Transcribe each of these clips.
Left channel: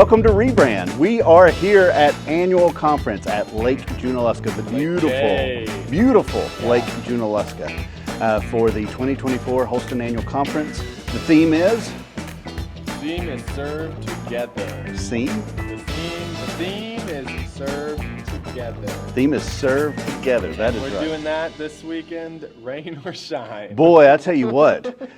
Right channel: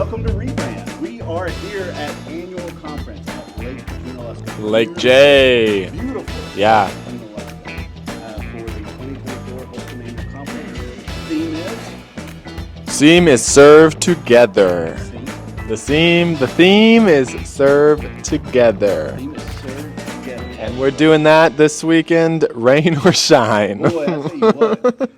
Welcome to Rebrand. We are here at Annual Conference at Lake Junaluska. Lake J. Beautiful Yeah. Lake Junaluska for the 2024 Holston Annual Conference. The theme is? Theme is serve together. Theme? The theme is serve together. Theme is serve together. We're doing that this weekend, rain or shine. Boy, I tell you what,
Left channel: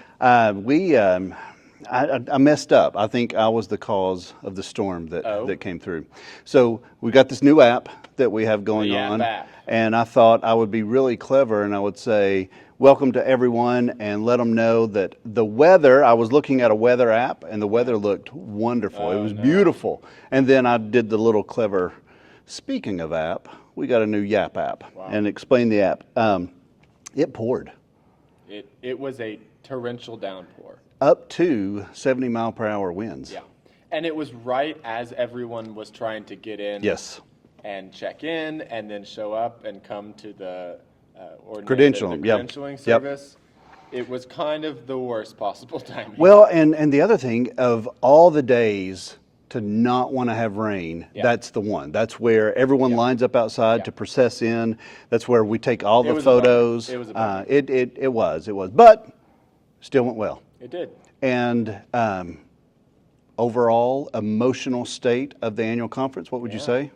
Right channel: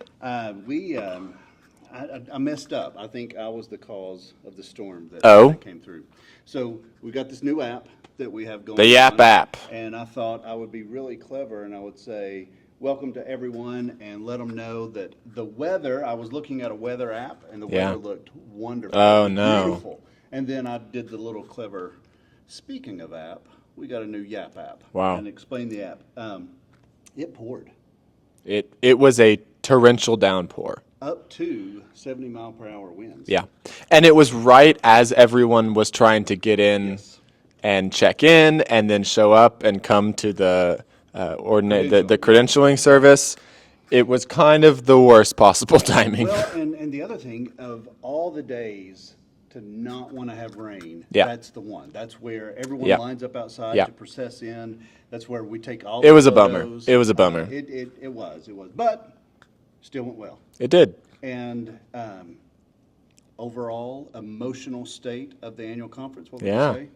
I messed up. I think I was the cause of the storm that came through. So we got this new app that we have going on. The Yap app. And I thought I would be really clever and I would say, welcome to everyone, and let them know that the weather, I was looking at a weather app and the weather looked wonderful. Oh, it was no. beautiful. And then I did the little clever, speaking of app, we got a new Yap app. Wow. And explain the app. It poured. It was a torrential downpour. Up to 70 mile per hour winds. Yeah. And it was right as everyone was trying to get in and check in and then show up and come to the credentialing service. It was kind of the worst possible timing. Well, and the other thing, of all the days to not want to have rain, that's the one. That's where everyone lines up outside to process in. That's where we take all the photos. It was a bummer. It was. But still went well. It did. And overall emotional state of the annual conference, what would you say?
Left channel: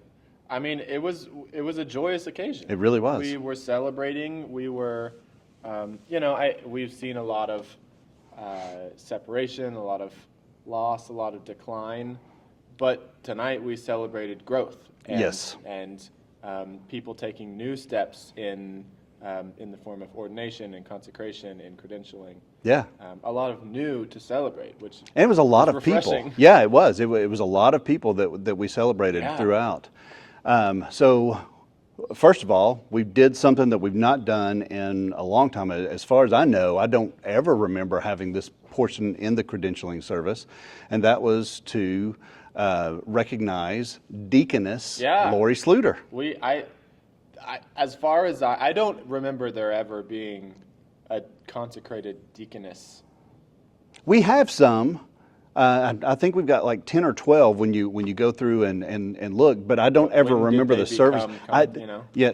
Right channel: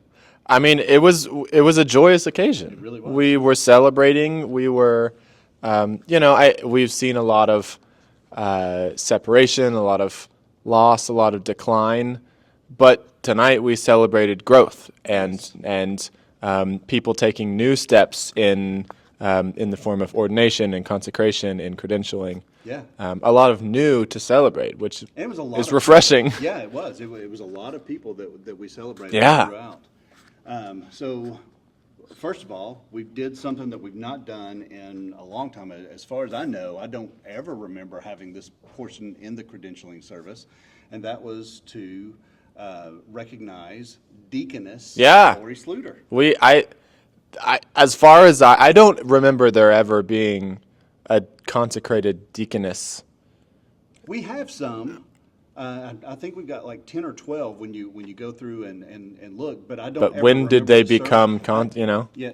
I mean, it was a joyous occasion. It really was. We were celebrating. We were, we've seen a lot of separation, a lot of loss, a lot of decline. But tonight we celebrated growth and people taking new steps in the form of ordination and consecration and credentialing. Yeah. A lot of new to celebrate, which and it was a lot of refreshing. People. Yeah, it was. It was a lot of people that we celebrated throughout. So, first of all, we did something that we've not done in a long time. As far as I know, I don't ever remember having this portion in the credentialing service, and that was to recognize Deaconess Lori Sluter. As far as I don't remember there ever being a consecrated deaconess. We have some. I think we've got like 10 or 12 when you go through and look, but I don't ever remember. When did they the become, Yeah,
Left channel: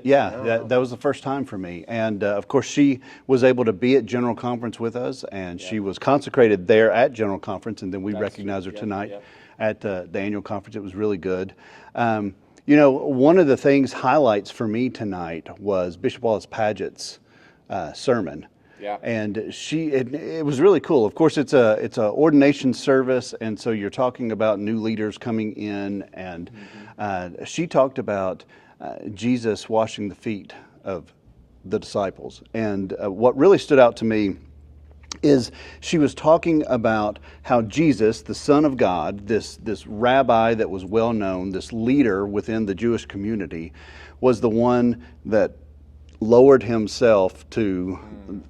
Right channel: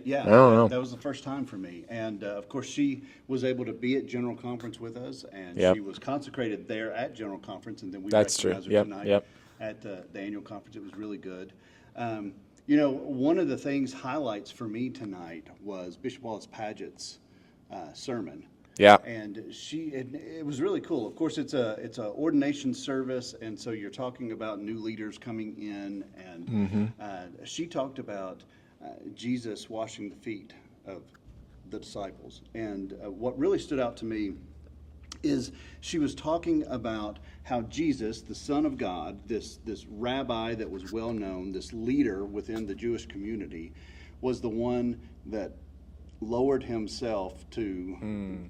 that was the first time for me. And of course, she was able to be at General Conference with us, and she was consecrated there at General Conference, and then we recognized her tonight at the annual conference. It was really good. One of the things, highlights for me tonight was Bishop Wallace Paget's sermon. Yeah, and it was really cool. Of course, it's a ordination service, and so you're talking about new leaders coming in, and she talked about Jesus washing the feet of the disciples. And what really stood out to me is she was talking about how Jesus, the Son of God, this rabbi that was well known, this leader within the Jewish community, was the one that lowered himself to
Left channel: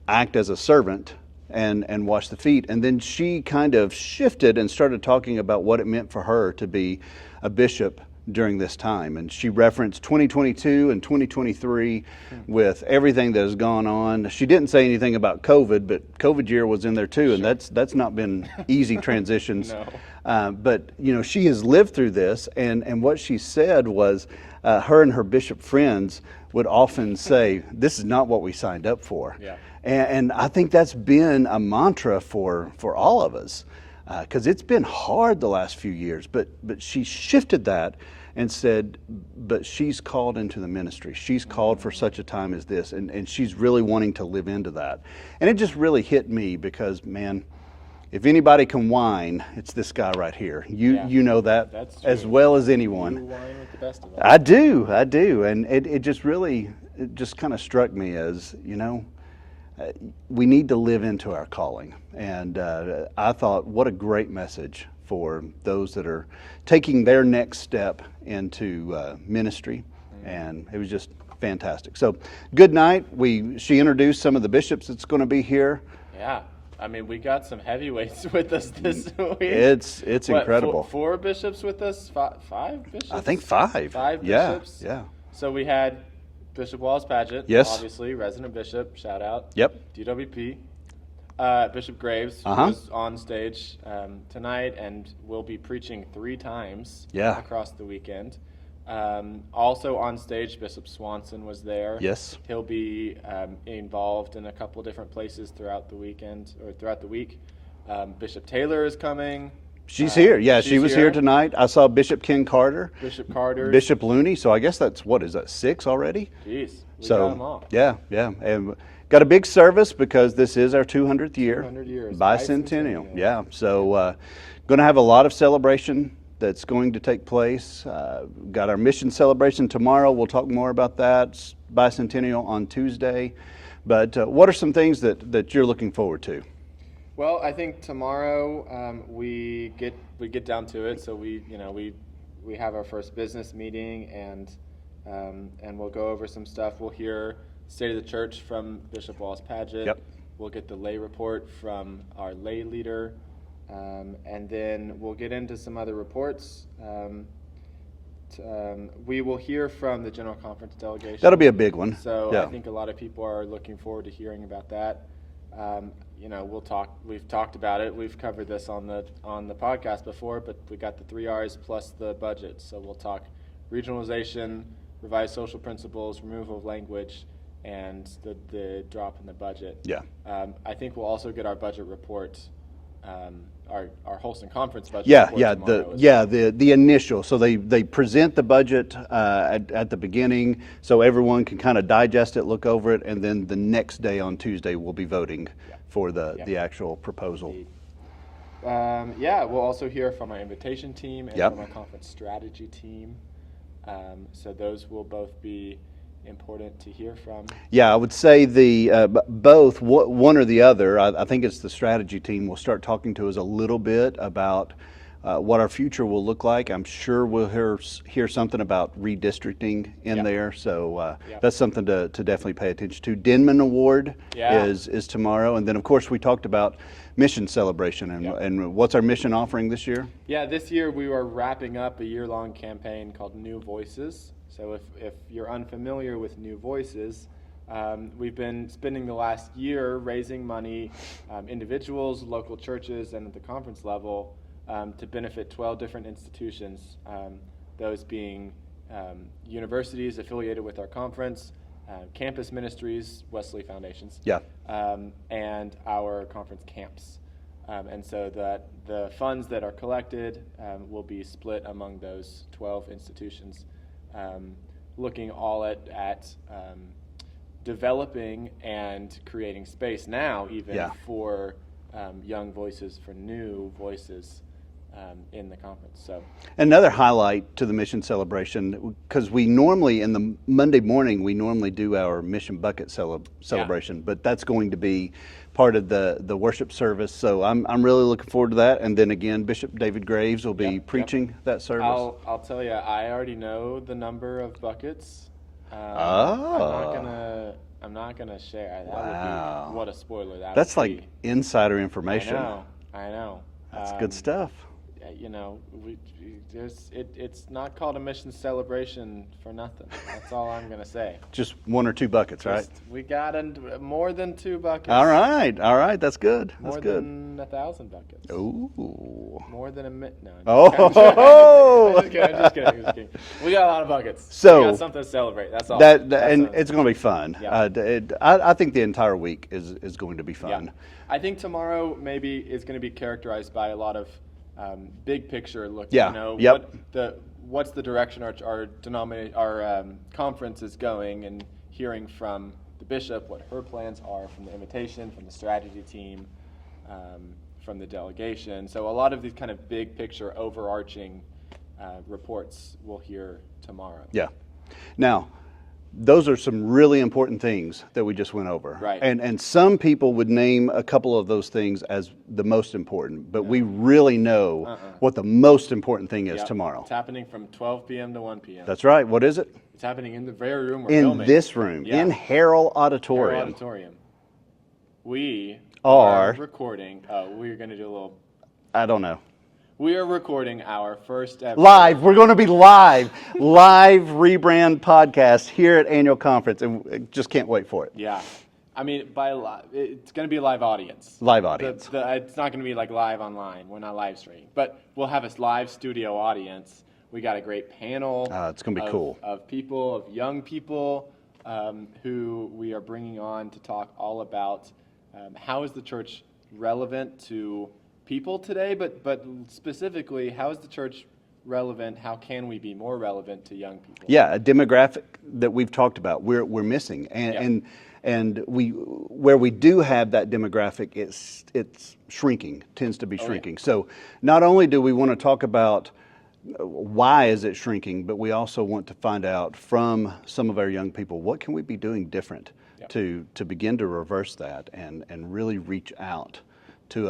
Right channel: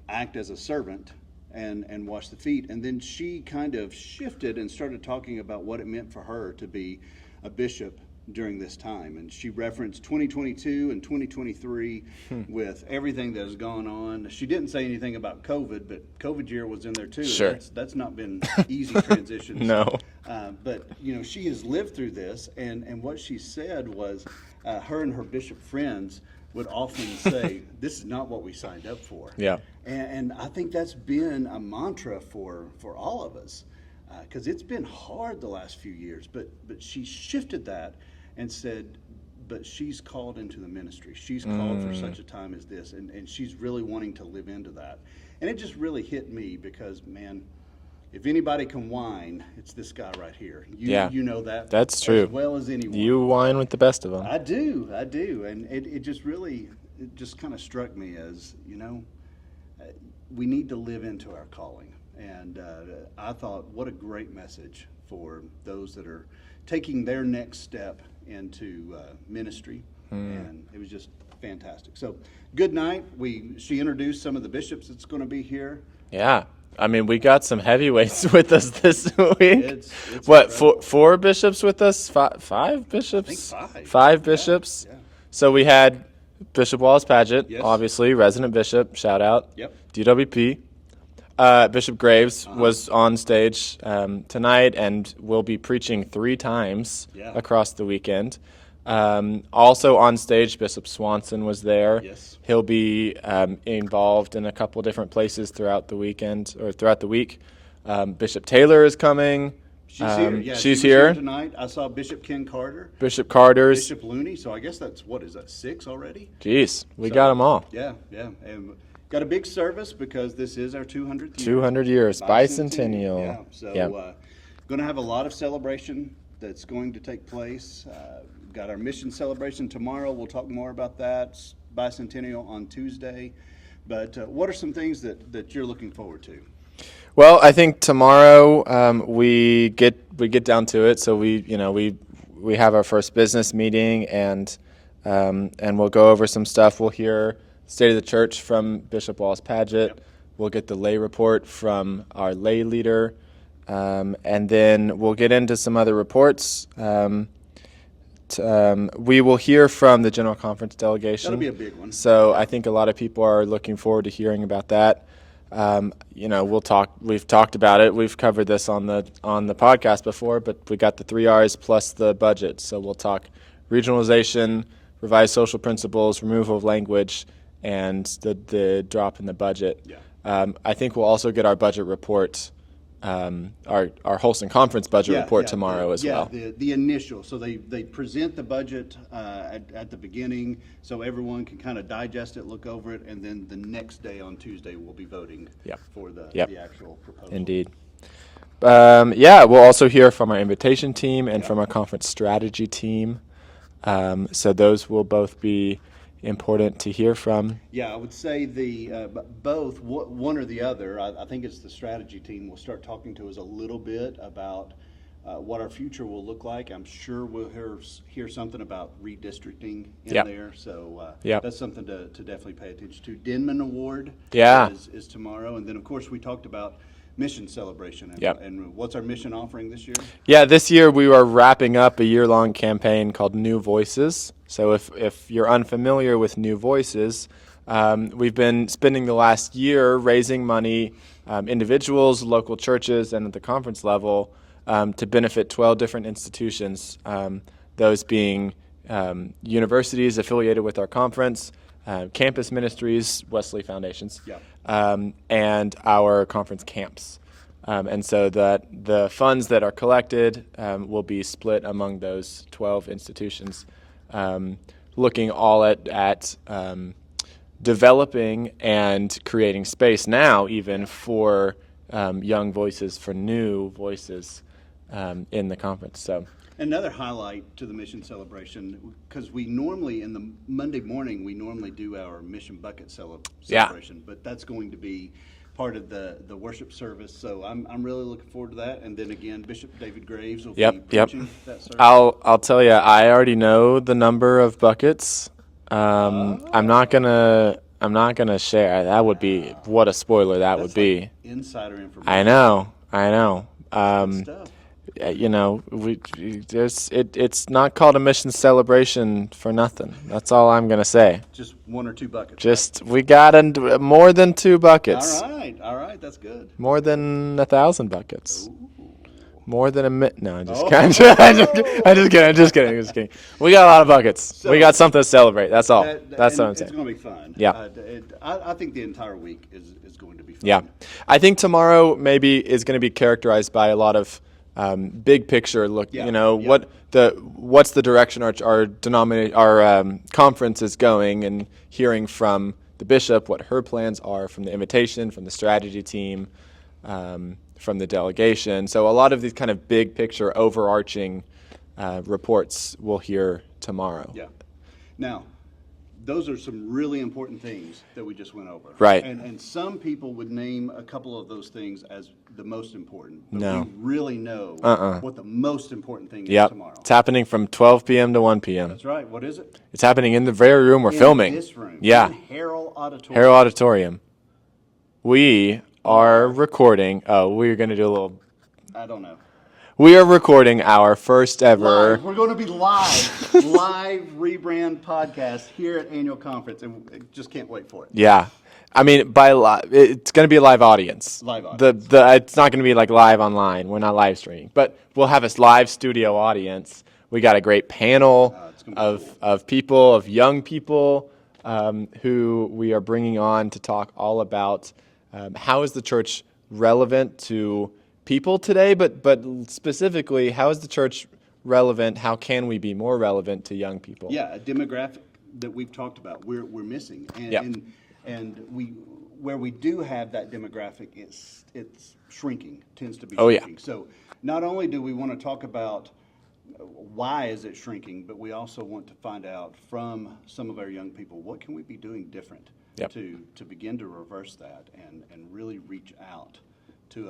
act as a servant and wash the feet. And then she kind of shifted and started talking about what it meant for her to be a bishop during this time. And she referenced 2022 and 2023 with everything that has gone on. She didn't say anything about COVID, but COVID year was in there too. Sure. And that's not been easy transitions. No. But she has lived through this, and what she said was her and her bishop friends would often say, this is not what we signed up for. Yeah. And I think that's been a mantra for all of us, because it's been hard the last few years. But she shifted that and said, but she's called into the ministry. She's called for such a time as this, and she's really wanting to live into that. And it just really hit me because, man, if anybody can whine, it's this guy right here. You know that. That's true. As well as anyone. You whine with the best of them. I do. And it just kind of struck me as, we need to live into our calling. And I thought, what a great message for those that are taking their next step into ministry. And it was just fantastic. So good night. She introduced some of the bishops that's going to be here. Yeah. I mean, we got some heavyweights with us this week. It's incredible. Four bishops with us? Five bishops? I think five. Five bishops? Yeah. So we had Bishop Wallace Paget, yes, obviously, resident bishop, shout out. Yep. DWP. Bishop Graves was on stage tonight and will be preaching 3 times across the weekend. Also on stage, Bishop Swanson was there. Yes. He'll be involved in a couple different places throughout the weekend or throughout the week. Bishop Taylor is coming. She's here. Yeah, she was here tonight. I saw Bishop Ken Carter. Bishop Carter's. Bishop Looney. So I guess that's, what is that, 6 already? Jeez, we got them all. Yeah, yeah. And got a big service because this is our 200th year. 200 years, bicentennial. Yeah, so going to have a lot of celebration that's going to take place. Got our mission celebration tomorrow. We'll talk more about that. Bicentennial on Tuesday. But what are some things that you're looking forward to? Well, I think tomorrow we get down to it. So we have our first business meeting and we'll go over some stuff. We'll hear State of the Church from Bishop Wallace Padgett. Yep. We'll get the lay report from our lay leader, and then we'll get into some other reports. We will hear from the General Conference delegation. That'll be a big one. So I think a lot of people are looking forward to hearing about that. We'll talk. We've talked about it. We've covered this on the podcast before, but we got the 3 R's plus the budget. So we'll talk regionalization, revised social principles, removal of language, and the drop in the budget. Yeah. I think we'll also get our budget report, our Holston Conference budget report tomorrow as well. Yeah, the initial. So they present the budget at the beginning, so everyone can kind of digest it, look over it, and then the next day on Tuesday we'll be voting for the actual proposal. Indeed. We'll also hear from our invitation team and from our conference strategy team. So those will both be important to hear from. Yeah, I would say both, one or the other. I think it's the strategy team will start talking to us a little bit about what our future will look like. I'm sure we'll hear something about redistricting in there. So that's something to definitely pay attention to. Denman Award is tomorrow. And then, of course, we talked about mission celebration. And what's our mission offering this year? Yeah, this year we are wrapping up a year-long campaign called New Voices. So if you're unfamiliar with New Voices, we've been spending the last year raising money, individuals, local churches, and at the conference level to benefit 12 different institutions, those being universities affiliated with our conference, campus ministries, Wesley Foundations, and our conference camps. And so that the funds that are collected will be split among those 12 institutions, looking all at developing and creating space now even for young voices, for new voices in the conference. So another highlight to the mission celebration, because we normally, in the Monday morning, we normally do our mission bucket celebration, but that's going to be part of the worship service. So I'm really looking forward to that. And then again, Bishop David Graves will be preaching that service. I'll tell you, I already know the number of buckets. I'm not gonna share. That would be, what a spoiler That's would be. Like insider information. I know. That's good stuff. It's not called a mission celebration for nothing. That's all I'm gonna say. Just 1 or 2 buckets. We got more than 2 buckets. All right, that's good. More than 1,000 buckets. Ooh. More than I'm just kidding. We got a lot of buckets. So we got something to celebrate. That's all. It's going to be fun. Yeah. I think the entire week is going to be fun. Yeah. I think tomorrow maybe is going to be characterized by a lot of big picture look. What's the direction our conference is going, and hearing from the bishop what her plans are, from the invitation, from the strategy team, from the delegation. So a lot of these kind of big picture overarching reports we'll hear tomorrow. Yeah. Now, those are some really important things that we just went over. Right. And some people would name a couple of those things as the most important, but we really know what the most important thing is tomorrow. It's happening from 12 p.m. to 1 p.m. That's right. What is it? It's happening in the very room we're filming. In this room. Yeah. In Harrell Auditorium. Harrell Auditorium. We are recording. Oh, we're going to do a little... I don't know. We are recording our first ever... Live. We're going to be live rebrand podcast here at Annual Conference, and just can't wait for it. Yeah. I mean, it's going to be a live audience. Live audience. It's not going to be like live online. We're not live streaming, but we'll have a live studio audience. We got a great panel It's gonna be cool. of people, of young people who we are bringing on to talk all about how is the church relevant to people today, but specifically, how is the church relevant? How can we be more relevant to young people? Yeah, a demographic that we've talked about, we're missing, and where we do have that demographic, it's shrinking, tends to be shrinking. So not only do we want to talk about why is it shrinking, but we also want to find out from some of our young people, what can we be doing different to begin to reverse that and really reach out to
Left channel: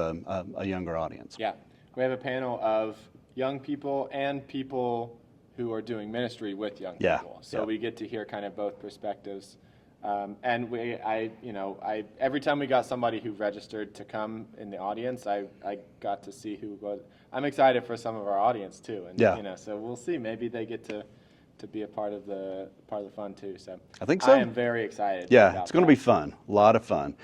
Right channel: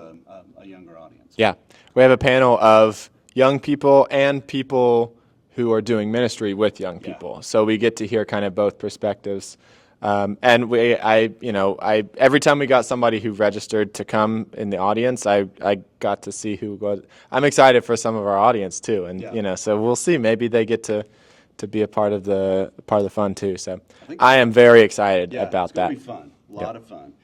a younger audience. Yeah, we have a panel of young people and people who are doing ministry with young people. So we get to hear kind of both perspectives. And every time we got somebody who registered to come in the audience, I got to see who was. I'm excited for some of our audience too, and so we'll see. Maybe they get to be a part of the fun too. So I think so. I am very excited about that. It's going to be fun. A lot of fun.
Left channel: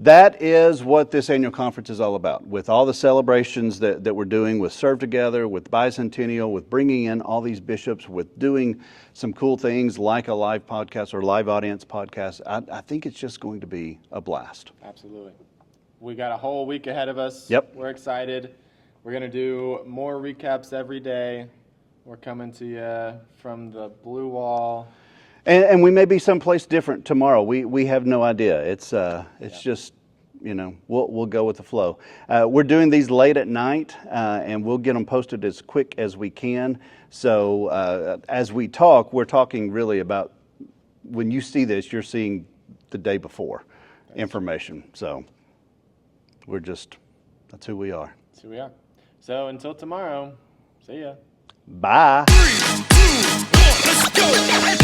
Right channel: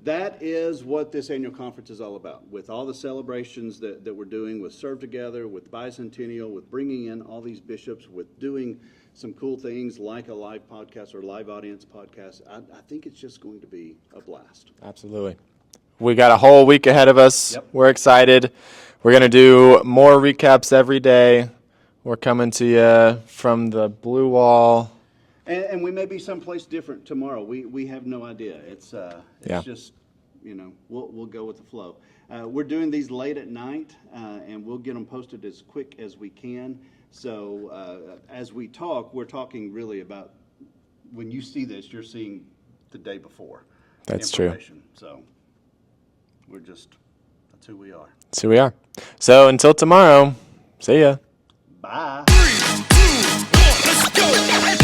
That is what this annual conference is all about. With all the celebrations that we're doing, with Serve Together, with Bicentennial, with bringing in all these bishops, with doing some cool things like a live podcast or live audience podcast, I think it's just going to be a blast. Absolutely. We got a whole week ahead of us. Yep. We're excited. We're going to do more recaps every day. We're coming to you from the Blue Wall. And we may be someplace different tomorrow. We have no idea. It's just, we'll go with the flow. We're doing these late at night, and we'll get them posted as quick as we can. So as we talk, we're talking really about when you see this, you're seeing the day before information. True. So that's who we are. That's who we are. So until tomorrow, see ya. Bye. 3, 2, 1, let's go.